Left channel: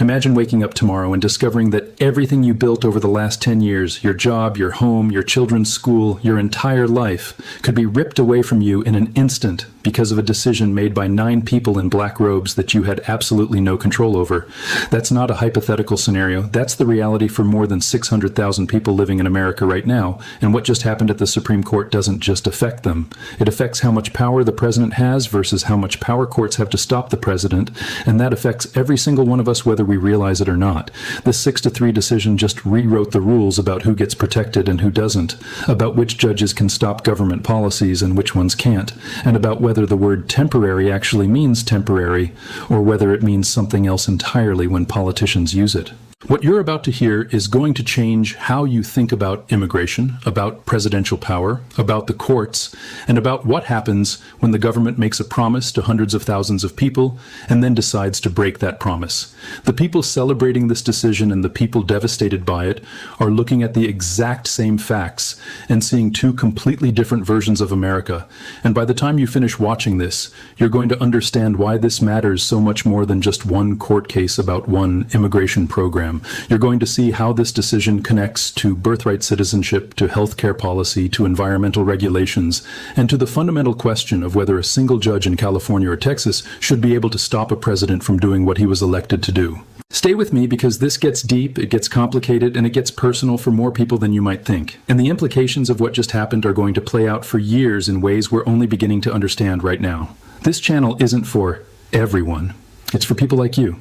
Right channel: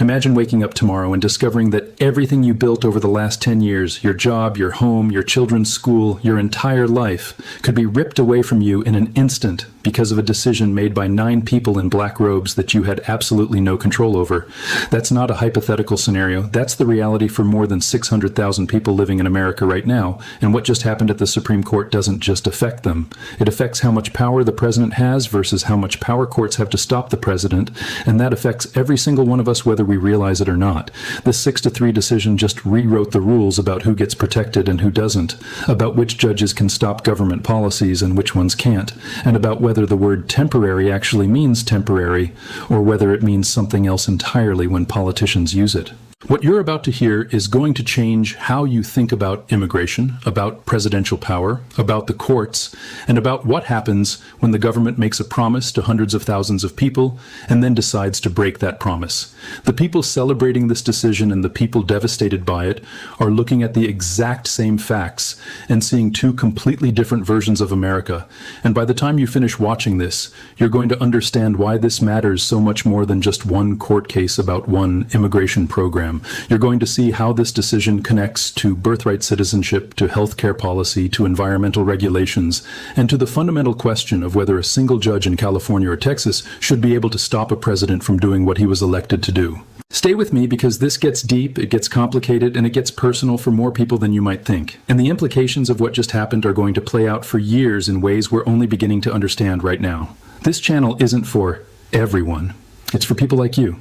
Imagine waking up tomorrow and discovering that everything you built over the last 10 years, your job, your home, your children's school, your entire life, could be ripped away from you in an instant because of a decision made by 9 people in black robes that you had absolutely no control over. That's not a hypothetical scenario. That's the reality for more than 600,000 people living in America right now. And what just happened at the Supreme Court doesn't just affect them. It affects how much power the president has versus how much power courts have to stop the president. And that affects every single one of us, whether we realize it or not. This 6-3 decision just rewrote the rules about who gets protected and who doesn't, about which judges can stop government policies and which ones can't, and about whether the word temporary actually means temporary or whether it means something else entirely when politicians use it. What you're about to hear is going to change how you think about immigration, about presidential power, about the courts, and about what happens when the government makes a promise to hundreds of thousands of people and then decides to break that promise. The people celebrating this decision and the people devastated by it are looking at the exact same facts and seeing 2 completely different versions of America. And by the time you finish watching this, you're going to understand why this matters so much more than just one court case about one immigration program. You're going to see how this decision connects to birthright citizenship, to healthcare policy, to environmental regulations, and to the fundamental question of whether a single judge in California or Texas should be able to stop a president from doing what he was elected to do. Stay with me because this gets deep, it gets complicated, and it gets personal for more people than you might think. And the implications of what just happened are going to play out for years in ways we're only beginning to understand right now. This channel isn't for everyone. It's for people like you.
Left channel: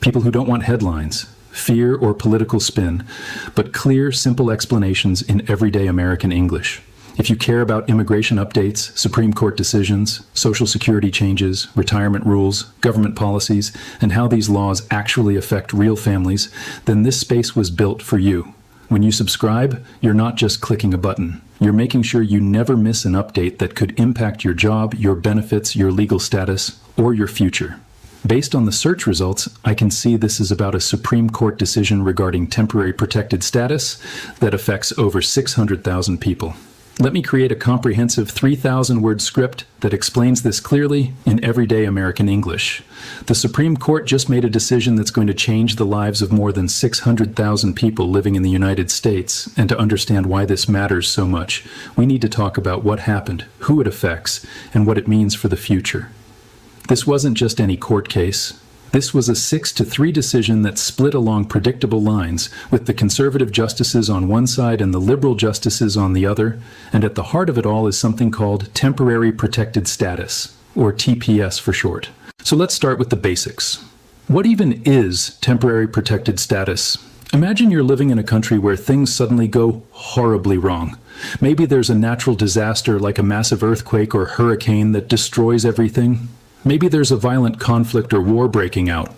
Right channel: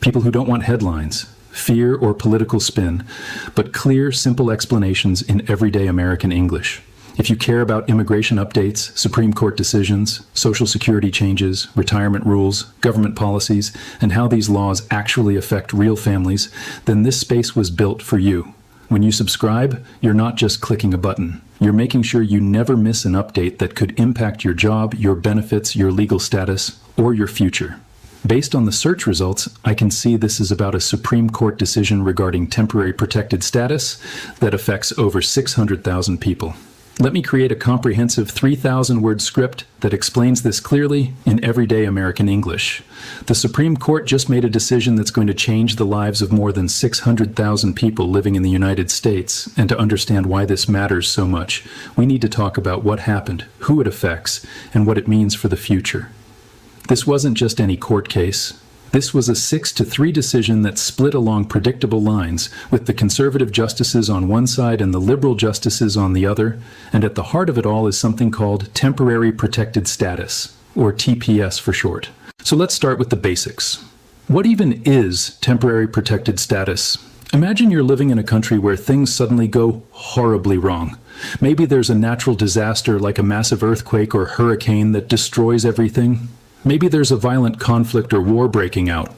People who don't want headlines, fear, or political spin, but clear, simple explanations in everyday American English. If you care about immigration updates, Supreme Court decisions, Social Security changes, retirement rules, government policies, and how these laws actually affect real families, then this space was built for you. When you subscribe, you're not just clicking a button. You're making sure you never miss an update that could impact your job, your benefits, your legal status, or your future. Based on the search results, I can see this is about a Supreme Court decision regarding temporary protected status that affects over 600,000 people. Let me create a comprehensive 3,000-word script that explains this clearly in everyday American English. The Supreme Court just made a decision that's going to change the lives of more than 600,000 people living in the United States, and to understand why this matters so much, we need to talk about what happened, who it affects, and what it means for the future. This wasn't just any court case. This was a 6-3 decision that split along predictable lines, with the conservative justices on one side and the liberal justices on the other, and at the heart of it all is something called Temporary Protected Status, or TPS for short. So let's start with the basics. What even is temporary protected status? Imagine you're living in a country where things suddenly go horribly wrong. Maybe there's a natural disaster like a massive earthquake or hurricane that destroys everything. Maybe there's a violent conflict or war breaking out.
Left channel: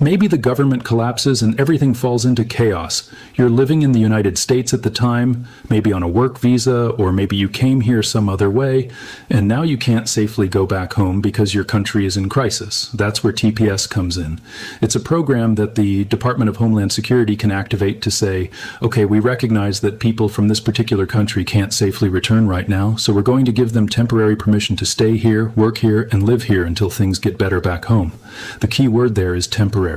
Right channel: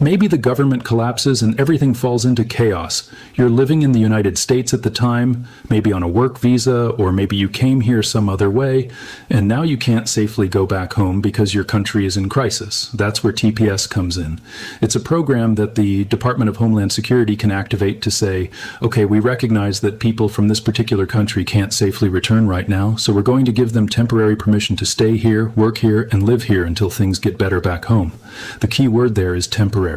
Maybe the government collapses and everything falls into chaos. You're living in the United States at the time, maybe on a work visa, or maybe you came here some other way, and now you can't safely go back home because your country is in crisis. That's where TPS comes in. It's a program that the Department of Homeland Security can activate to say, okay, we recognize that people from this particular country can't safely return right now, so we're going to give them temporary permission to stay here, work here, and live here until things get better back home. The key word there is temporary.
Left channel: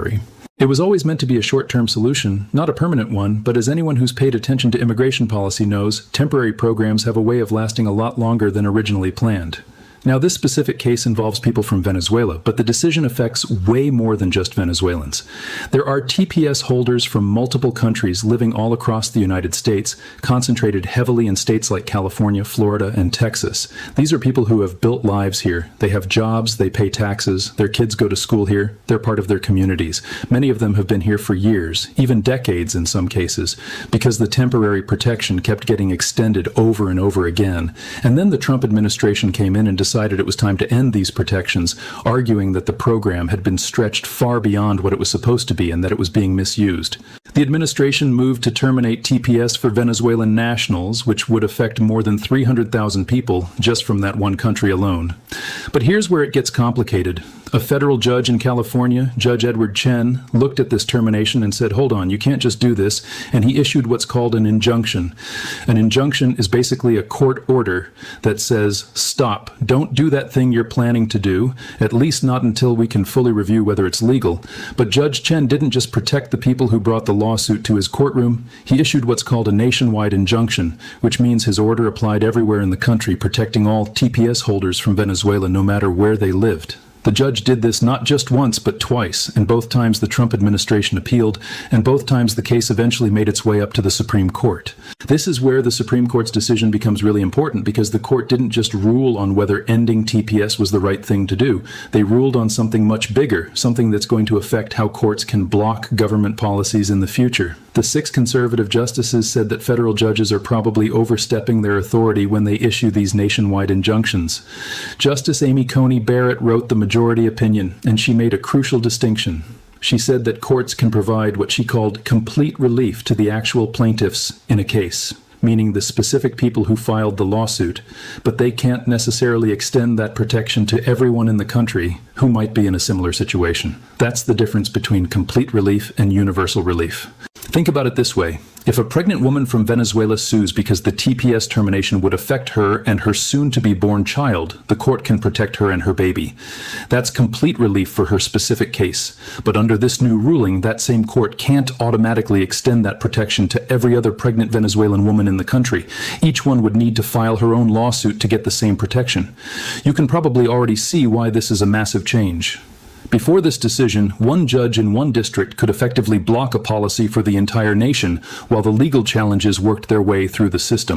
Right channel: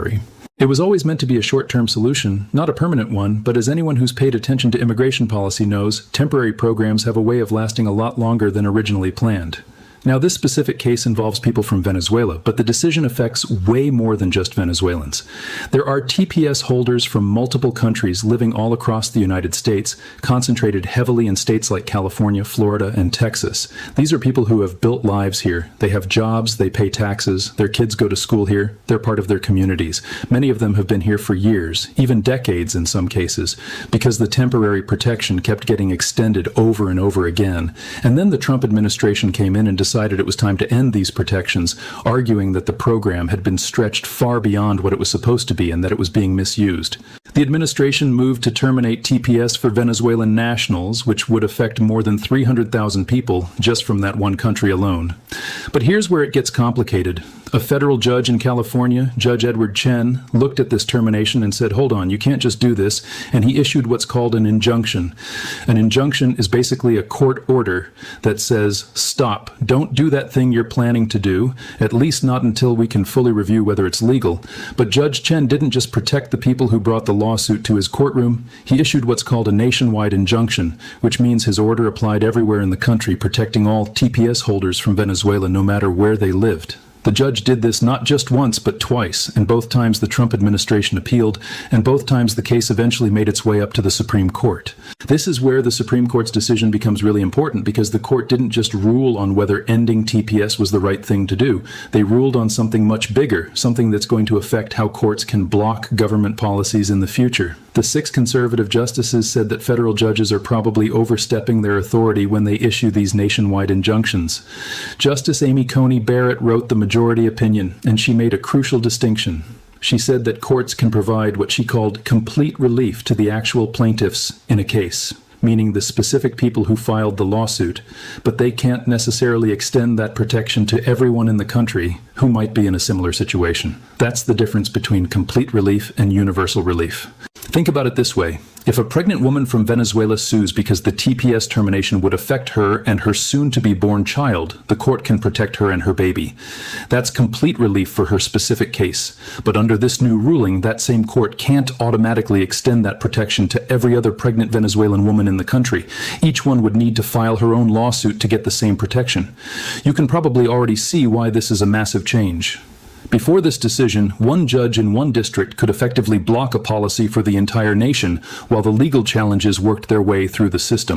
It was always meant to be a short-term solution, not a permanent one, but as anyone who's paid attention to immigration policy knows, temporary programs have a way of lasting a lot longer than originally planned. Now, this specific case involves people from Venezuela, but the decision affects way more than just Venezuelans. There are TPS holders from multiple countries living all across the United States, concentrated heavily in states like California, Florida, and Texas. These are people who have built lives here. They have jobs, they pay taxes, their kids go to school here, they're part of their communities. Many of them have been here for years, even decades in some cases, because the temporary protection kept getting extended over and over again. And then the Trump administration came in and decided it was time to end these protections, arguing that the program had been stretched far beyond what it was supposed to be and that it was being misused. The administration moved to terminate TPS for Venezuelan nationals, which would affect more than 300,000 people just from that one country alone. But here's where it gets complicated. A federal judge in California, Judge Edward Chen, looked at this termination and said, hold on, you can't just do this, and he issued what's called an injunction. An injunction is basically a court order that says, stop, don't do that thing you're planning to do, at least not until we can fully review whether it's legal. But Judge Chen didn't just protect the people who brought the lawsuit to his courtroom, he issued what's called a nationwide injunction, which means his order applied everywhere in the country, protecting all TPS holders from Venezuela no matter where they lived. The judge did this not just once, but twice, and both times the Trump administration appealed, and both times the case eventually made its way up to the Supreme Court. This is where the Supreme Court's decision becomes really important, because the court didn't just rule on whether ending TPS was the right thing to do. They ruled on something much bigger, something that's going to affect how courts can block government policies in the future. The 6 conservative justices said that federal judges are probably overstepping their authority when they issue these nationwide injunctions. Justice Amy Coney Barrett wrote the majority opinion, and she made a crucial distinction. She said that courts can provide what she called complete relief to the actual plaintiffs in a case, meaning the specific people who filed the lawsuit, but they can't necessarily extend that protection to everyone in the country who might be in a similar situation. That's the difference between complete relief and universal relief. Think about it this way. If a pregnant woman from Venezuela sues because the TPS termination would affect her and her soon-to-be-born child, the court can protect her and her baby. That's complete relief for her specific case. But under this new ruling, that same court can't automatically extend that protection to every other pregnant Venezuelan woman in the country. Each one would need to file her own lawsuit to get the same protection. You can probably already see why this is a massive change. Before this decision, one judge in one district could effectively block a policy for the entire nation. Legal challenges worked their way through the system.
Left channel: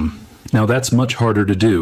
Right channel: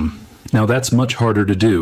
Now that's much harder to do.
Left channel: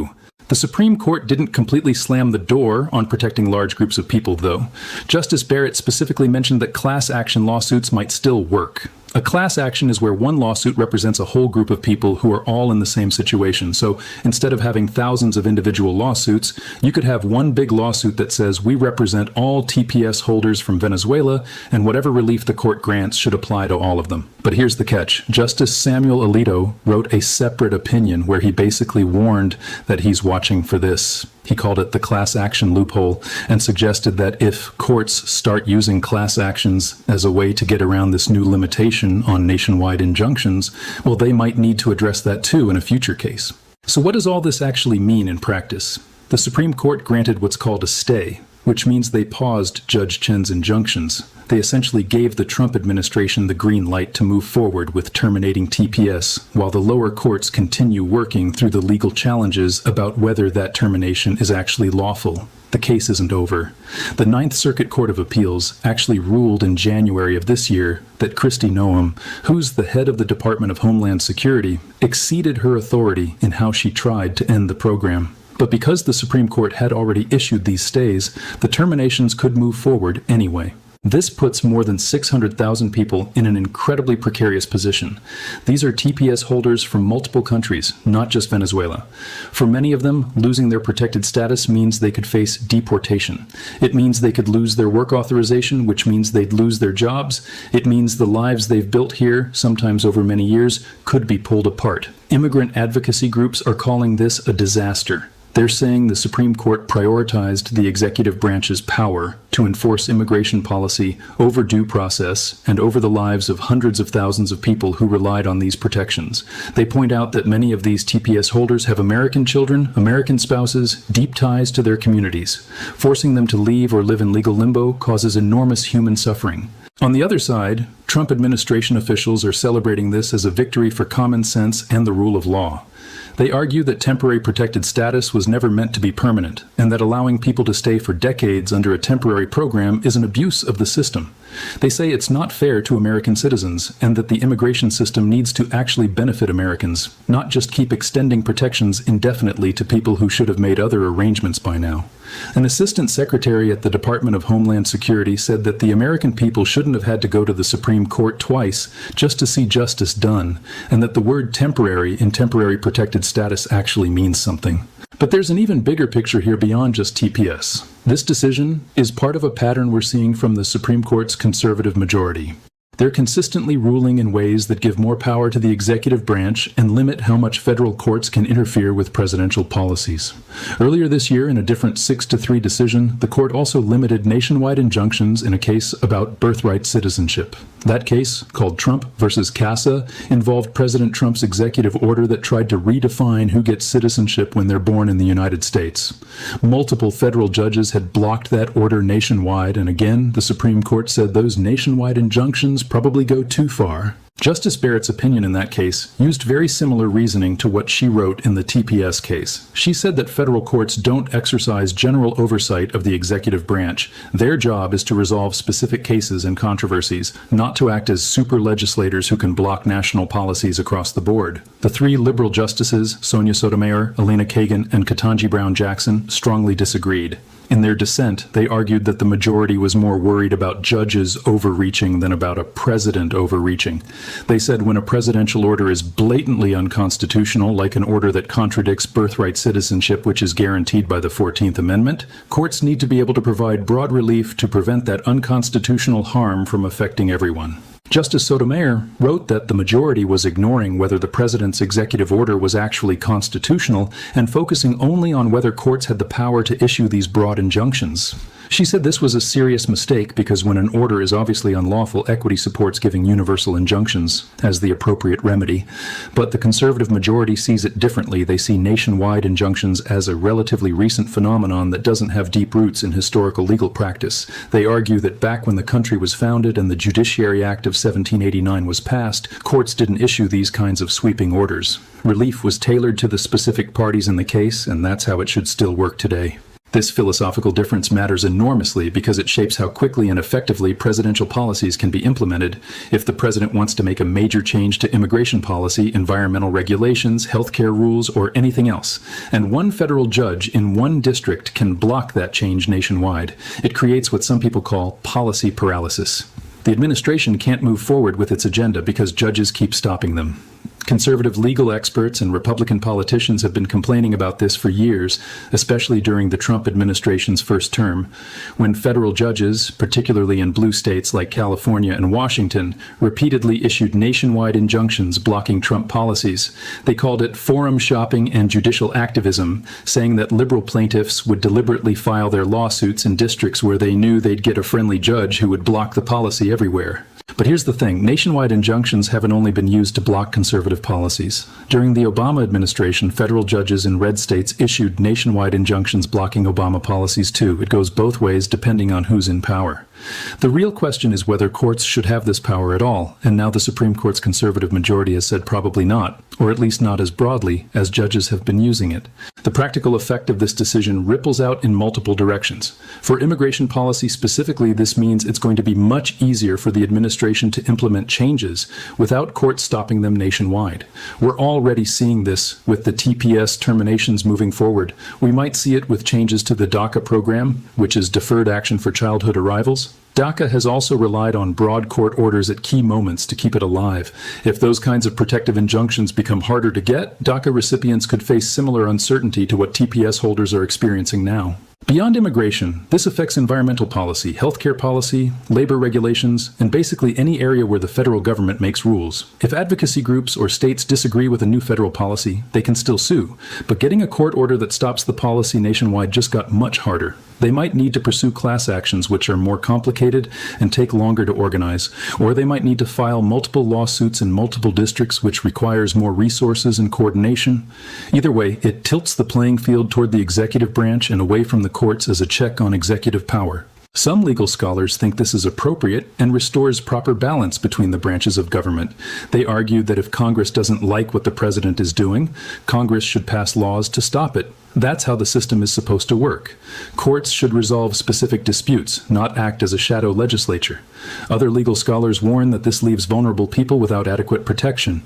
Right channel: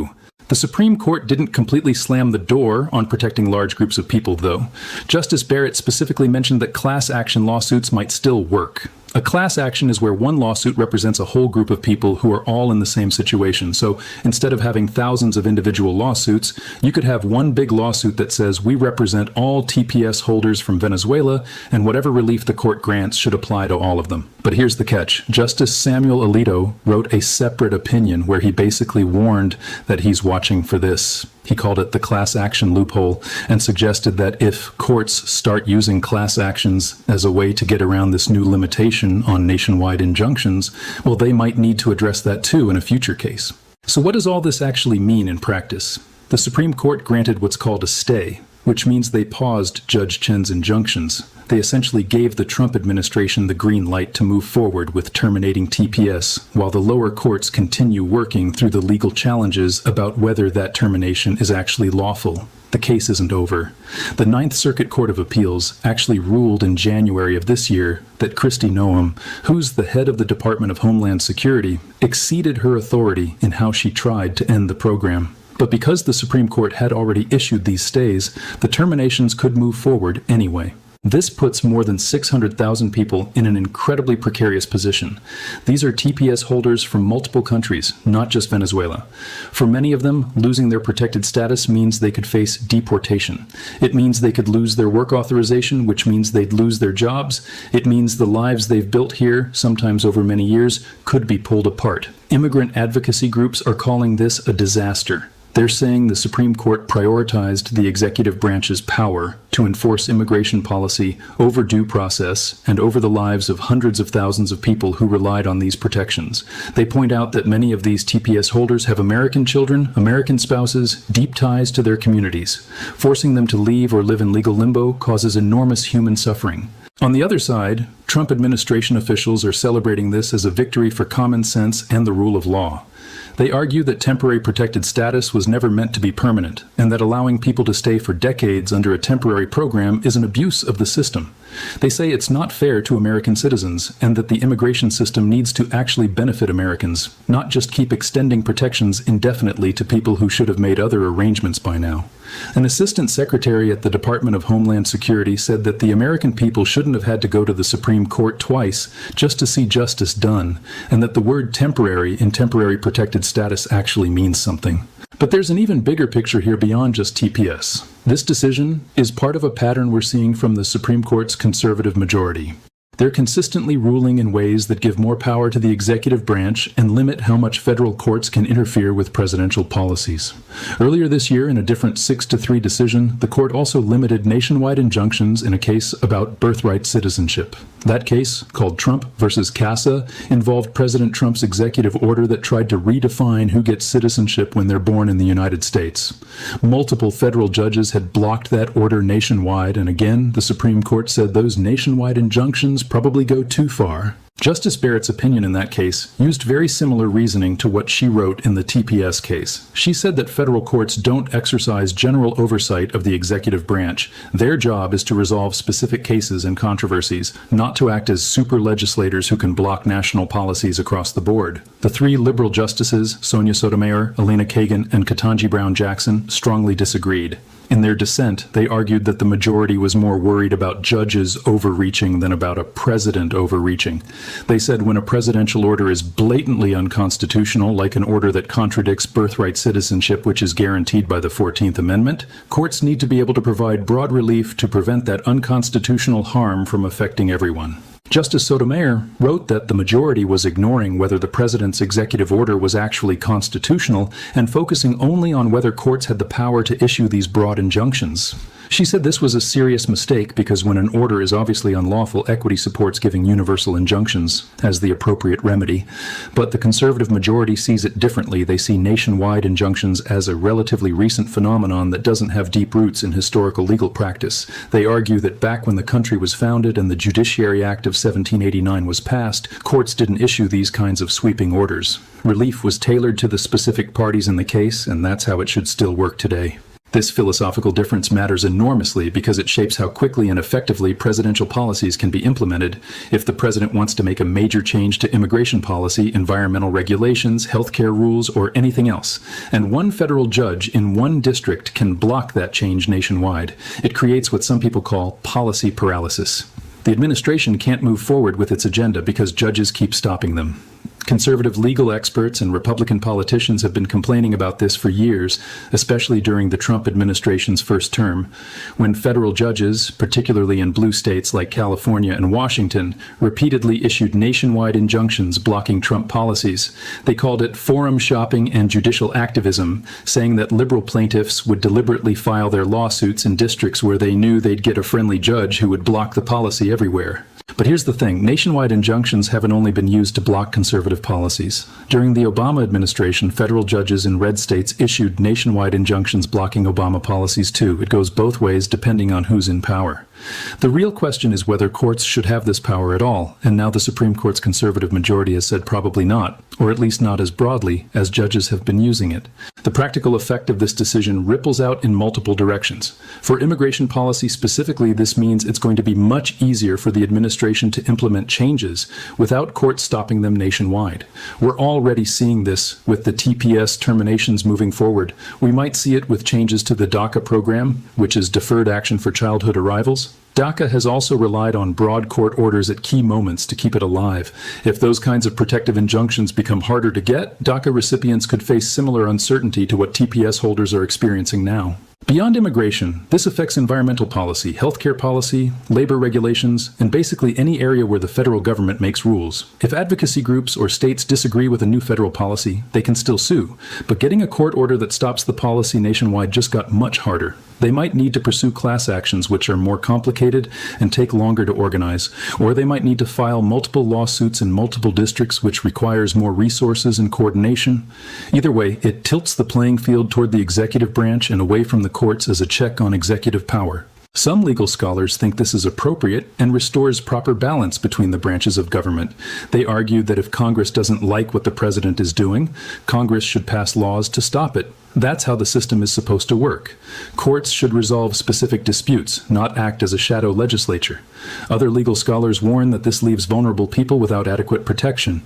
The Supreme Court didn't completely slam the door on protecting large groups of people, though. Justice Barrett specifically mentioned that class action lawsuits might still work. A class action is where one lawsuit represents a whole group of people who are all in the same situation. So instead of having thousands of individual lawsuits, you could have one big lawsuit that says we represent all TPS holders from Venezuela, and whatever relief the court grants should apply to all of them. But here's the catch. Justice Samuel Alito wrote a separate opinion where he basically warned that he's watching for this. He called it the class action loophole and suggested that if courts start using class actions as a way to get around this new limitation on nationwide injunctions, well, they might need to address that too in a future case. So what does all this actually mean in practice? The Supreme Court granted what's called a stay, which means they paused Judge Chen's injunctions. They essentially gave the Trump administration the green light to move forward with terminating TPS, while the lower courts continue working through the legal challenges about whether that termination is actually lawful. The case isn't over. The Ninth Circuit Court of Appeals actually ruled in January of this year that Kristi Noem, who's the head of the Department of Homeland Security, exceeded her authority in how she tried to end the program. But because the Supreme Court had already issued these stays, the terminations could move forward anyway. This puts more than 600,000 people in an incredibly precarious position. These are TPS holders from multiple countries, not just Venezuela. For many of them, losing their protected status means they could face deportation. It means they could lose their work authorization, which means they'd lose their jobs. It means the lives they've built here, sometimes over many years, could be pulled apart. Immigrant advocacy groups are calling this a disaster. They're saying the Supreme Court prioritized the executive branch's power to enforce immigration policy over due process and over the lives of hundreds of thousands of people who relied on these protections. They point out that many of these TPS holders have American children, American spouses, deep ties to their communities. Forcing them to leave or live in legal limbo causes enormous human suffering. On the other side, Trump administration officials are celebrating this as a victory for common sense and the rule of law. They argue that temporary protected status was never meant to be permanent, and that allowing people to stay for decades under a temporary program is an abuse of the system. They say it's not fair to American citizens, and that the immigration system needs to actually benefit Americans, not just keep extending protections indefinitely to people who should have made other arrangements by now. An assistant secretary at the Department of Homeland Security said that the American people shouldn't have had to go to the Supreme Court twice just to see justice done, and that the word temporary in temporary protected status actually means something. But there's an even bigger picture here beyond just TPS. This decision is part of a pattern we're seeing from the Supreme Court's conservative majority. They're consistently ruling in ways that give more power to the executive branch and limit how much federal courts can interfere with presidential policies. Earlier this year, in a different 6-3 decision, the court also limited nationwide injunctions in a case about birthright citizenship. That case, called Trump versus CASA, involved President Trump's executive order that tried to redefine who gets citizenship when they're born in the United States. Multiple federal judges had blocked that order nationwide, and again, the Supreme Court said those nationwide injunctions probably go too far. Justice Barrett's opinion in that case used very similar reasoning to what she wrote in the TPS case. She said that federal courts don't exercise general oversight of the executive branch. Their job is to resolve specific cases and controversies, not to act as super legislators who can block national policies across the board. The three liberal justices, Sonia Sotomayor, Elena Kagan, and Ketanji Brown Jackson, strongly disagreed. In their dissent, they argued that the majority was more worried about judges overreaching than about a president overreaching. They said when a presidential order is blatantly unconstitutional, like an order that contradicts birthright citizenship, which is guaranteed by the 14th Amendment, courts need to be able to provide broad relief to prevent that unconstitutional harm from affecting everyone. Justice Sotomayor wrote that the majority was ignoring whether the president's executive order was actually constitutional and focusing only on whether courts had the power to issue these broad injunctions. She said this was a serious mistake because when an order is obviously unlawful, equity supports giving universal injunctions as the appropriate remedy. But the conservative majority sees it differently. They see nationwide injunctions as a relatively recent phenomenon that doesn't have deep roots in historical legal practice. They argue that back when the country was founded and the Judiciary Act of 1789 was passed, courts didn't issue these kinds of sweeping orders. Relief was tailored to the specific parties in the case, and that's how it should still work today. This philosophical difference matters enormously because it shapes how quickly and effectively presidential policies can be implemented if the president wants to make a major change to immigration policy, environmental regulations, healthcare rules, or anything else. And one federal judge in one district can block that change nationwide. It creates what some people call policy paralysis. The administration can't move forward with its agenda because judges keep stopping them. Conservative legal experts and Republican politicians have been complaining about this for years, especially during the Trump administration's first term, when federal judges, particularly in blue states like California and Washington, repeatedly issued nationwide injunctions blocking Trump policies. They called it forum shopping and judicial activism, saying that liberal plaintiffs would deliberately file their lawsuits in districts where they knew they'd get a friendly judge who would block the policy everywhere. But here's the thing, nationwide injunctions haven't only been used to block conservative policies. During the Obama administration, federal judges in red states issued nationwide injunctions blocking Obama policies too. It goes both ways depending on who's in power. The real question is whether courts should have this power at all, and now the Supreme Court's conservative majority has said probably not, or at least not as broadly as judges have been using it. The practical effect of this decision ripples out in multiple directions. For immigration policy specifically, this means it's going to be much easier for the administration to implement changes without courts stopping them nationwide. We're already seeing this with the TPS terminations moving forward. We might see it with changes to the DACA program, which is Deferred Action for Childhood Arrivals. DACA has also relied on broad court orders at key moments to keep it alive. If those kinds of protective injunctions become harder to get, DACA recipients could face similar uncertainty to what TPS holders are experiencing now. Beyond immigration, this affects environmental policy, healthcare policy, labor regulations, and basically any area where the federal government makes rules. If advocacy groups or states disagree with a new federal policy, they can still sue. But getting a court order that stops the policy nationwide just got much harder. They might need to pursue class actions, which are more complicated and take longer to organize, or they might need to file multiple lawsuits in multiple districts, which requires more resources and coordination. Either way, it tilts the playing field toward the executive branch and away from the courts as a check on executive power. Some legal scholars think this is appropriate and restores proper balance between the branches of government. They argue that if Congress doesn't like what the president is doing, Congress should pass laws to stop it. That's how the system is supposed to work. Courts should resolve specific disputes, not act as a shadow legislature. Other legal scholars warn that this leaves vulnerable people without adequate protection.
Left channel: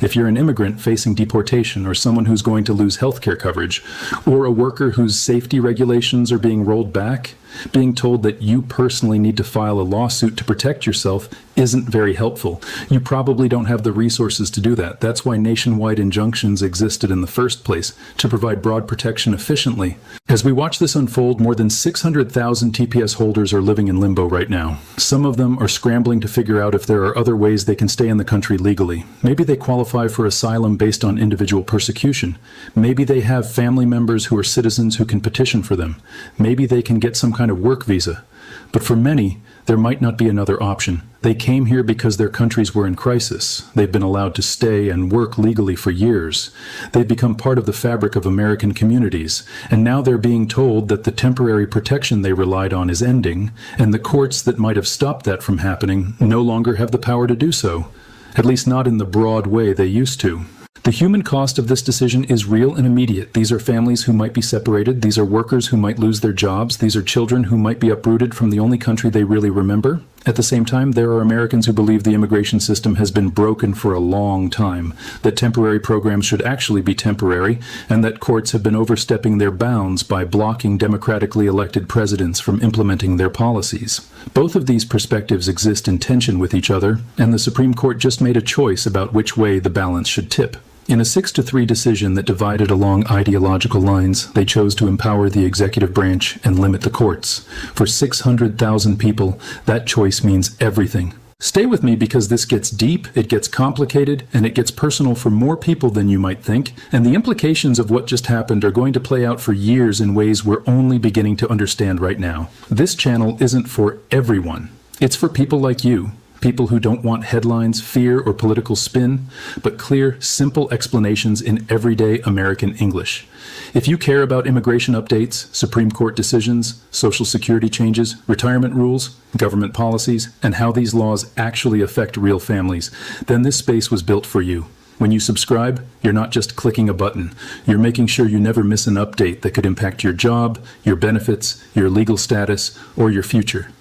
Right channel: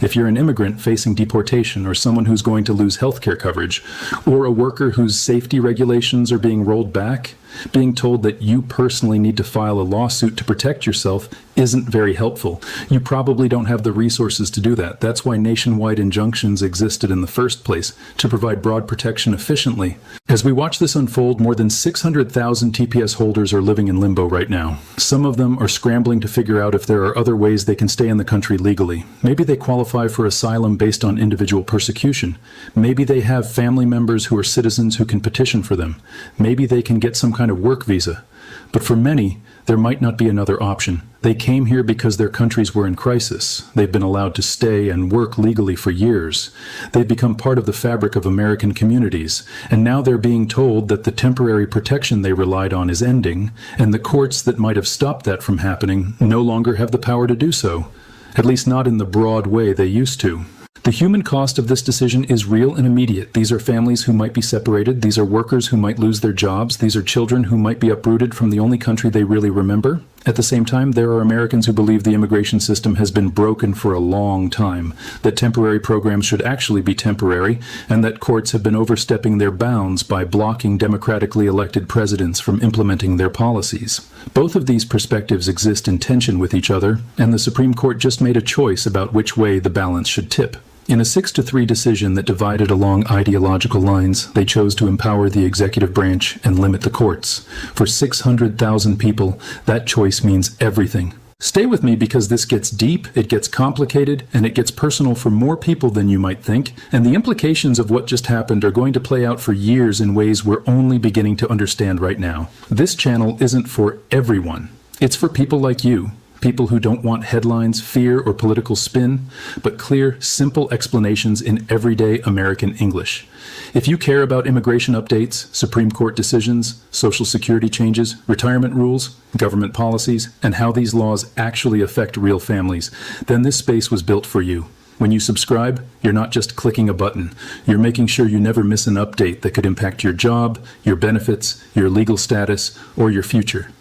If you're an immigrant facing deportation, or someone who's going to lose health care coverage, or a worker whose safety regulations are being rolled back, being told that you personally need to file a lawsuit to protect yourself isn't very helpful. You probably don't have the resources to do that. That's why nationwide injunctions existed in the first place, to provide broad protection protection efficiently. As we watch this unfold, more than 600,000 TPS holders are living in limbo right now. Some of them are scrambling to figure out if there are other ways they can stay in the country legally. Maybe they qualify for asylum based on individual persecution. Maybe they have family members who are citizens who can petition for them. Maybe they can get some kind of work visa. But for many, there might not be another option. They came here because their countries were in crisis. They've been allowed to stay and work legally for years. They've become part of the fabric of American communities, and now they're being told that the temporary protection they relied on is ending, and the courts that might have stopped that from happening no longer have the power to do so, at least not in the broad way they used to. The human cost of this decision is real and immediate. These are families who might be separated. These are workers who might lose their jobs. These are children who might be uprooted from the only country they really remember. At the same time, there are Americans who believe the immigration system has been broken for a long time, that temporary programs should actually be temporary, and that courts have been overstepping their bounds by blocking democratically elected presidents from implementing their policies. Both of these perspectives exist in tension with each other, and the Supreme Court just made a choice about which way the balance should tip. In a 6-3 decision that divided along ideological lines, they chose to empower the executive branch and limit the courts. For 600,000 people, that choice means everything. Stay with me because this gets deep, it gets complicated, and it gets personal for more people than you might think, and the implications of what just happened are going to play out for years in ways we're only beginning to understand right now. This channel isn't for everyone. It's for people like you. People who don't want headlines, fear, or political spin, but clear, simple explanations in everyday American English. If you care about immigration updates, Supreme Court decisions, Social Security changes, retirement rules, government policies, and how these laws actually affect real families, then this space was built for you. When you subscribe, you're not just clicking a button. You're making sure you never miss an update that could impact your job, your benefits, your legal status, or your future.